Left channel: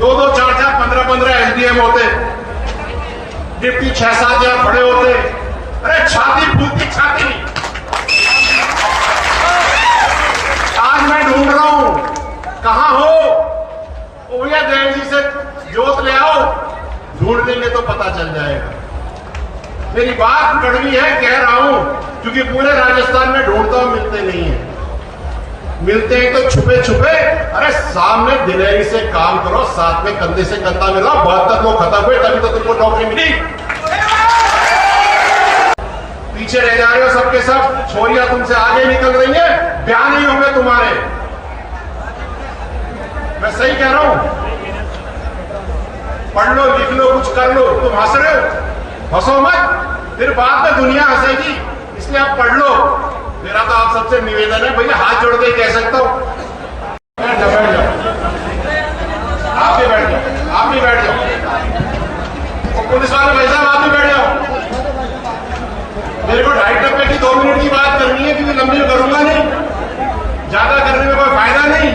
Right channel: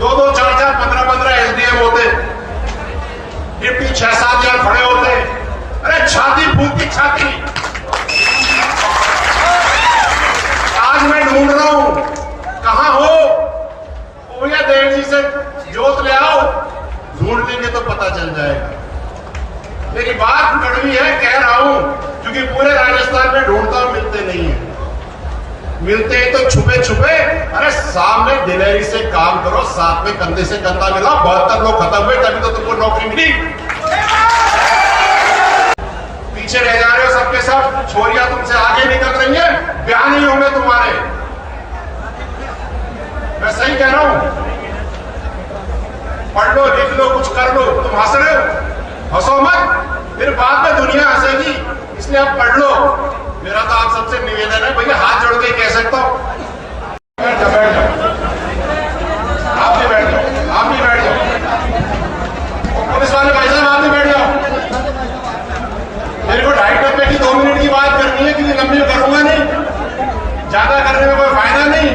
दो दो चार चार 15-15 एसडीएम होते, डिप्टी 6-7 यार खड़े होते। अरे छाती फूलती छाती। आज मैं ढूंढ रहा हूं, कहां हो भैया? देव जी से जोत ले आओ, ढूंढ लेंगे तो पता चल जाएगा। मेरी बात कड़वी है, कह रहा हूं, क्योंकि पूरे राजस्थान में ढूंढता हूं, मिलते नहीं है। मिलते ही तो छुपे छुपे। अरे सामने दिलेरी से काम करो, साथ में कंधे से कंधा मिलाओ। 72 लोग खत्म हुए तभी तो तुमको नौकरी मिली। पीछे रह जा रहे हो सबके सब। छोरियां तुमसे आगे निकल रही हैं, ब्याह नहीं होंगे तुम्हारे। मैं सही कह रहा हूं? पढ़ लो, लिख लो, कुछ कर लो। तुम हंस रहे हो, हंसो मत, फिर बाद में दुनिया हंसेगी। इसलिए आप पढ़ लो। मेरा तो आप सबसे निवेदन है भैया, हाथ जोड़ के कह सकता हूं, बैठ जाओ, बैठ जाओ, आप भी बैठ जाओ, आप भी बैठ जाओ। पुलिस वाले भाई साहब आप भी बैठ जाओ। मेरे को 2.5 टप्पे की 2 मिनट की बात करनी है, क्योंकि लंबी करूंगा नहीं, ज्यादा करने में कोई फायदा नहीं।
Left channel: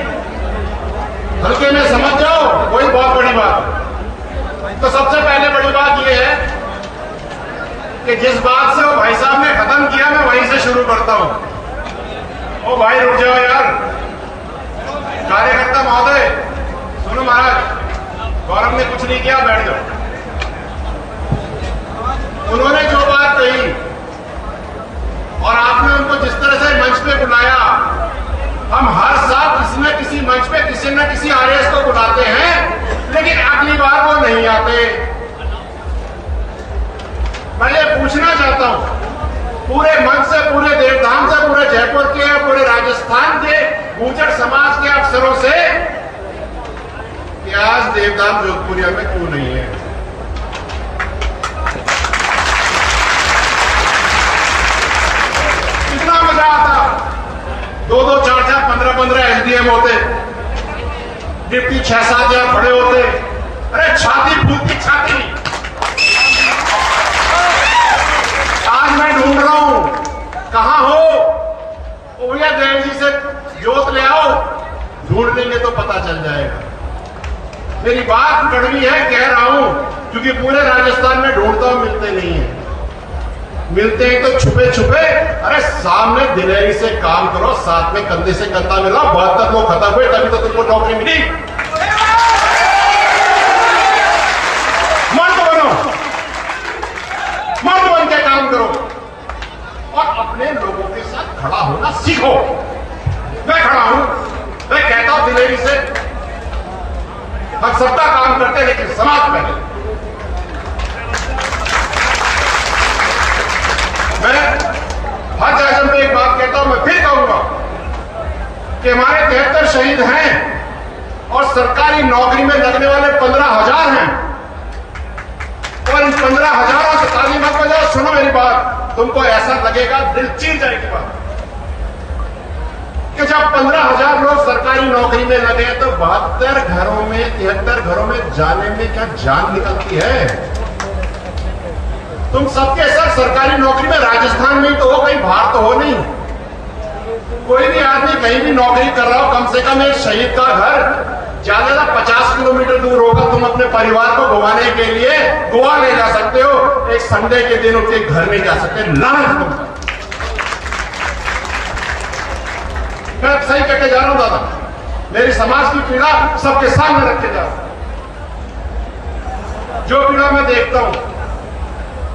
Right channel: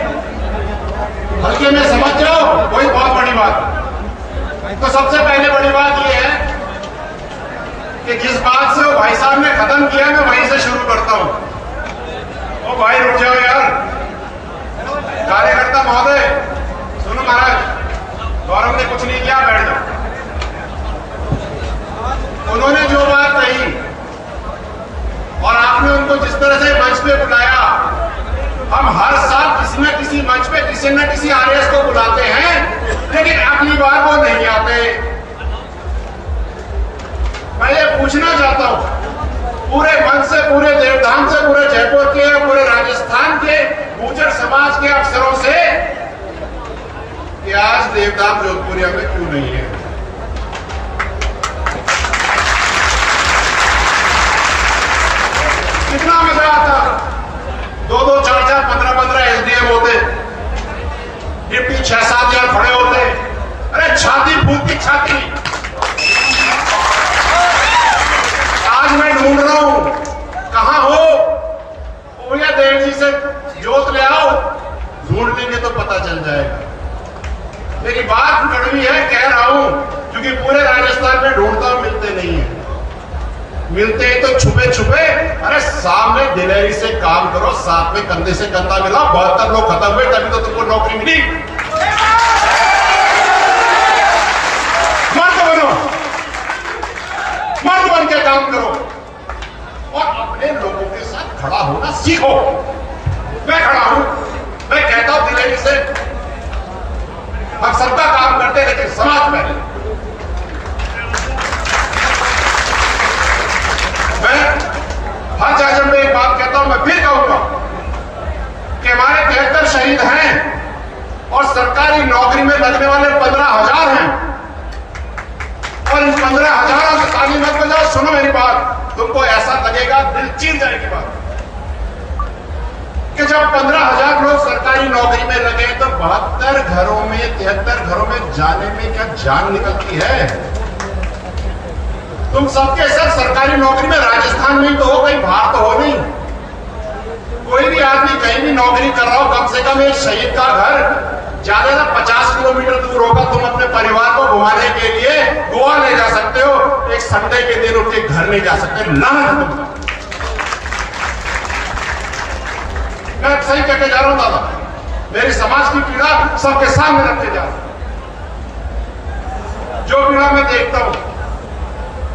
हल्के में समझ जाओ, वही बहुत बड़ी बात। तो सबसे पहले बड़ी बात यह है कि जिस बात से वो भाई साहब ने खत्म किया, मैं वहीं से शुरू करता हूं। ओ भाई रुक जाओ यार, कार्यकर्ता महोदय, सुनो महाराज, गौरव ने कुछ नहीं किया, बैठ जाओ। उन्होंने जो बात कही और आपने उनको जिस तरह से मंच पे बुलाया, हम हर साल किसी न किसी मंच पे किसी न किसी आईएएस को बुलाते हैं, लेकिन अगली बार वो नहीं आते। मैं ये पूछना चाहता हूं पूरे मंच से, पूरे देवधाम से, पूरे जयपुर के, पूरे राजस्थान के गुर्जर समाज के अफसरों से कि आज देवधाम जोधपुरिया में क्यों नहीं है? कितना मजा आता। 2-2 4-4 15-15 एसडीएम होते, डिप्टी 6-7 यार खड़े होते। अरे छाती फूलती छाती। आज मैं ढूंढ रहा हूं, कहां हो भैया? देव जी से जोत ले आओ, ढूंढ लेंगे तो पता चल जाएगा। मेरी बात कड़वी है, कह रहा हूं, क्योंकि पूरे राजस्थान में ढूंढता हूं, मिलते नहीं है। मिलते ही तो छुपे छुपे। अरे सामने दिलेरी से काम करो, साथ में कंधे से कंधा मिलाओ। 72 लोग खत्म हुए तभी तो तुमको नौकरी मिली। मर्द बनो, मर्द बन के काम करो और अपने लोगों के साथ खड़ा होना सीखो। मैं खड़ा हूं, मैं कहता हूं दिलेरी से, हम सबका काम करते हैं, लेकिन समाज पहले। मैं हर जगह में एक बात कहता हूं, मैं फिर कहूंगा कि हमारे 73 शहीद हैं और सरकारी नौकरी में लगने वाले 15,000 हैं। और इन 15,000 से ताली मत बजाओ, सुनो मेरी बात, तुमको ऐसा लगेगा, दिल चीर जाएगी बात, कि जब 15,000 लोग सरकारी नौकरी में लगे तो 72 घरों में, 73 घरों में जाने में क्या जान निकलती है? तुम सबके सब सरकारी नौकरी में राजस्थान में ही तो हो, कहीं बाहर तो हो नहीं। कोई भी आदमी कहीं भी नौकरी कर रहा हो, कम से कम एक शहीद का घर ज्यादा 50 किलोमीटर दूर होगा। तुम अपने परिवार को घुमाने के लिए गोवा ले जा सकते हो, एक संडे के दिन उनके घर नहीं जा सकते। लानत। मैं सही कहते जा रहा हूं दादा, मेरी समाज की पीड़ा सबके सामने रखे जा रहा हूं, जो पीड़ा मैं देखता हूं।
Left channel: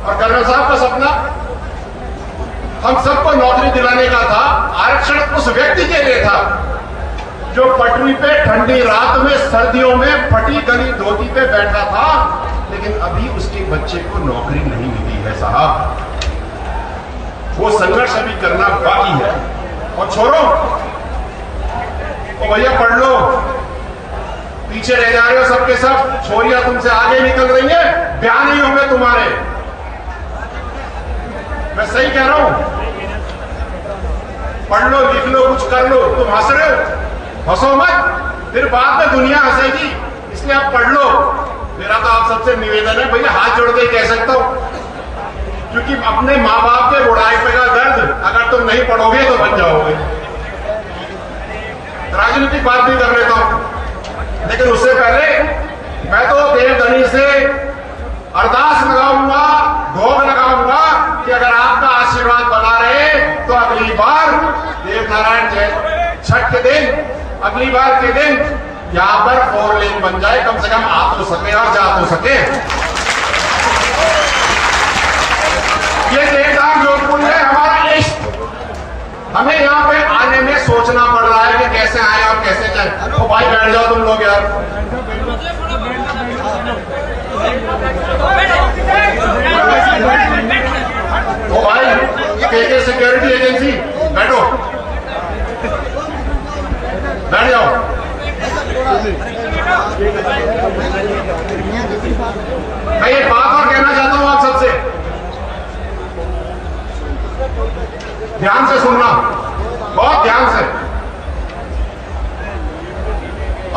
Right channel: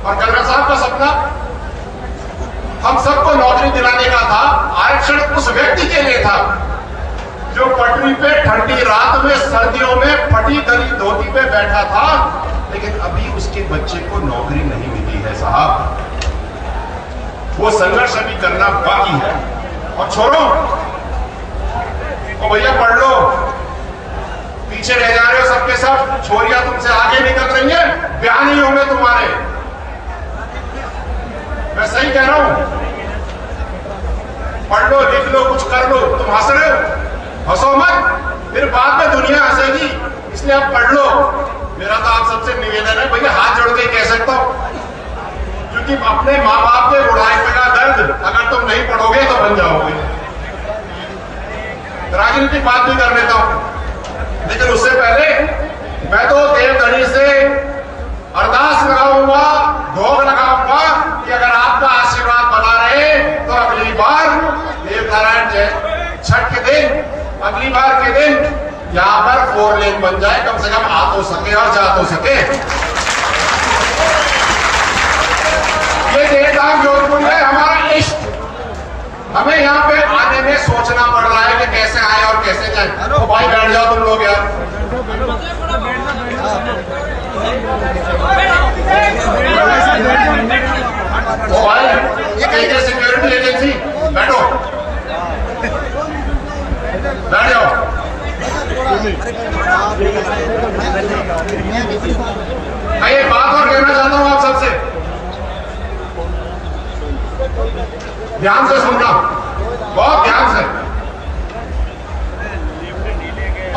और कर्नल साहब का सपना हम सबको नौकरी दिलाने का था। आरक्षण उस व्यक्ति के लिए था जो पटरी पे ठंडी रात में, सर्दियों में फटी गली धोती पे बैठा था, लेकिन अभी उसके बच्चे को नौकरी नहीं मिली है साहब। वो संघर्ष अभी करना बाकी है। और छोड़ो, ओ भैया पढ़ लो, पीछे रह जा रहे हो सबके सब। छोरियां तुमसे आगे निकल रही हैं, ब्याह नहीं होंगे तुम्हारे। मैं सही कह रहा हूं? पढ़ लो, लिख लो, कुछ कर लो। तुम हंस रहे हो, हंसो मत, फिर बाद में दुनिया हंसेगी। इसलिए आप पढ़ लो। मेरा तो आप सबसे निवेदन है भैया, हाथ जोड़ के कह सकता हूं, क्योंकि अपने माँ बाप के बुढ़ापे का दर्द अगर तुम नहीं पढ़ोगे तो बन जाओगे। राजनीतिक बात भी कर लेता हूं, लेकिन उससे पहले मैं तो देवधनी से अरदास लगाऊंगा, भोग लगाऊंगा कि अगर आपका आशीर्वाद बना रहे तो अगली बार देवनारायण छठ के दिन, अगली बार के दिन यहां पर 4 लेन बन जाए, कम से कम आ तो सके और जा तो सके। ये देवधाम जोधपुर है हमारा इष्ट। हमें यहाँ पे आने में सोचना पड़ रहा है कि कैसे आए और कैसे जाए। तो भाई बैठ जाओ तुम लोग यार। ओ भाई, ये सिक्योरिटी एजेंसी, बैठो, बैठ जाओ। मैं एक बात और कहना चाहता हूं आप सबसे, ध्यान से सुनना, बहुत ध्यान से।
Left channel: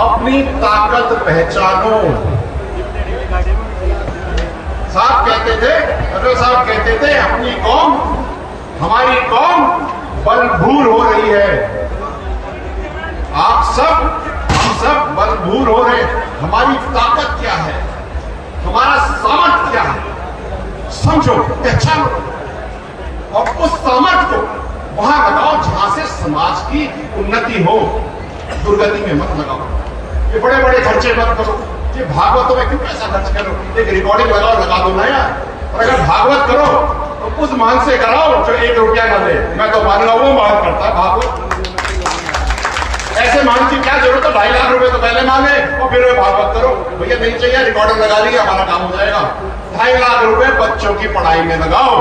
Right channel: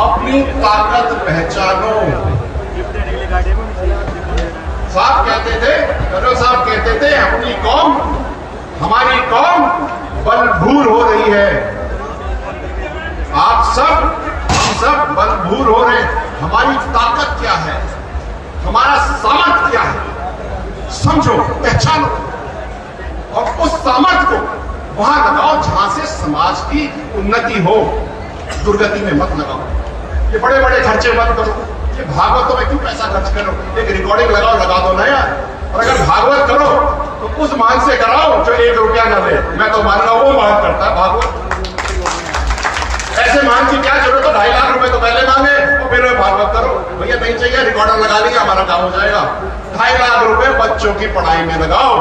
अपनी ताकत पहचानो। साहब कहते थे, करो साहब कहते थे, अपनी कौम, हमारी कौम बलभूर हो रही है। आप सब, हम सब बलभूर हो रहे। हमारी ताकत क्या है, हमारा सामर्थ्य क्या है, समझो, पहचानो और उस सामर्थ्य को वहां लगाओ जहां से समाज की उन्नति हो, दुर्गति में मत लगाओ। ये बड़े बड़े खर्चे मत करो। ये भागवतों में क्यों पैसा खर्च करो? एक रिकॉर्डिंग लगाओ, लगा दो ना यार। और अगर भागवत करो तो उस मान से कराओ जो 1 रुपया न ले। मैं तो मान रहा हूं वो मान करता है भागवत। ऐसे मान की क्या जरूरत है? 2.5 लाख रुपए तो पहले मांगे और फिर भागवत करो। भैया नहीं चाहिए, रिकॉर्डिंग लगा लीजिए, हमारा काम हो जाएगा। 2.5 लाख रुपए बच्चों की पढ़ाई में लगाओ,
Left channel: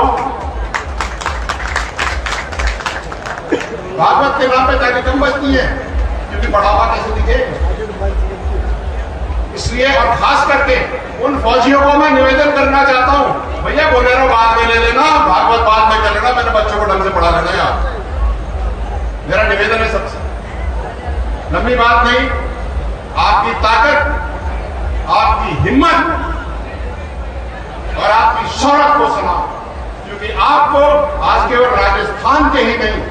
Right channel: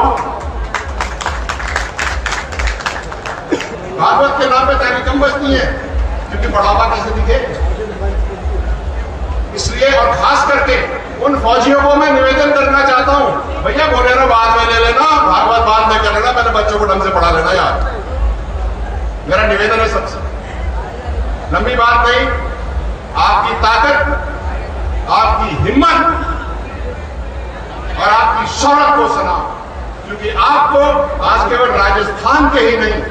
भागवत के नाम पे ताकि कम बचती है, क्योंकि बढ़ावा कैसे दिखे। इसलिए और खास करके उन फौजियों को मैं निवेदन करना चाहता हूं, भैया बोलेरो बाद में ले लेना, भागवत बाद में कर लेना, मैंने बच्चों को ढंग से पढ़ा लेना यार। मेरा निवेदन है सबसे, लंबी बात नहीं, आपकी ताकत, आपकी हिम्मत और आपकी शौहरत को सलाम। क्योंकि आपको आज केवल राजस्थान के ही नहीं,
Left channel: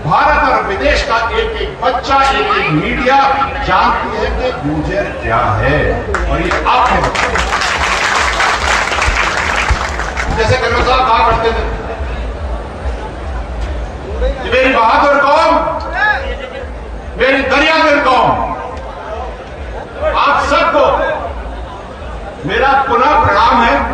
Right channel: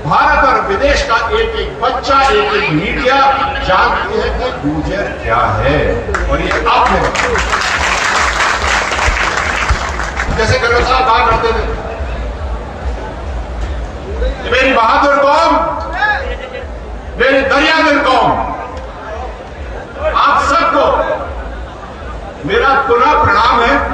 भारत और विदेश का एक एक बच्चा, एक एक मीडिया जानती है कि गुर्जर क्या है, और ये आप हैं। जैसे कबीर साहब कहा करते थे,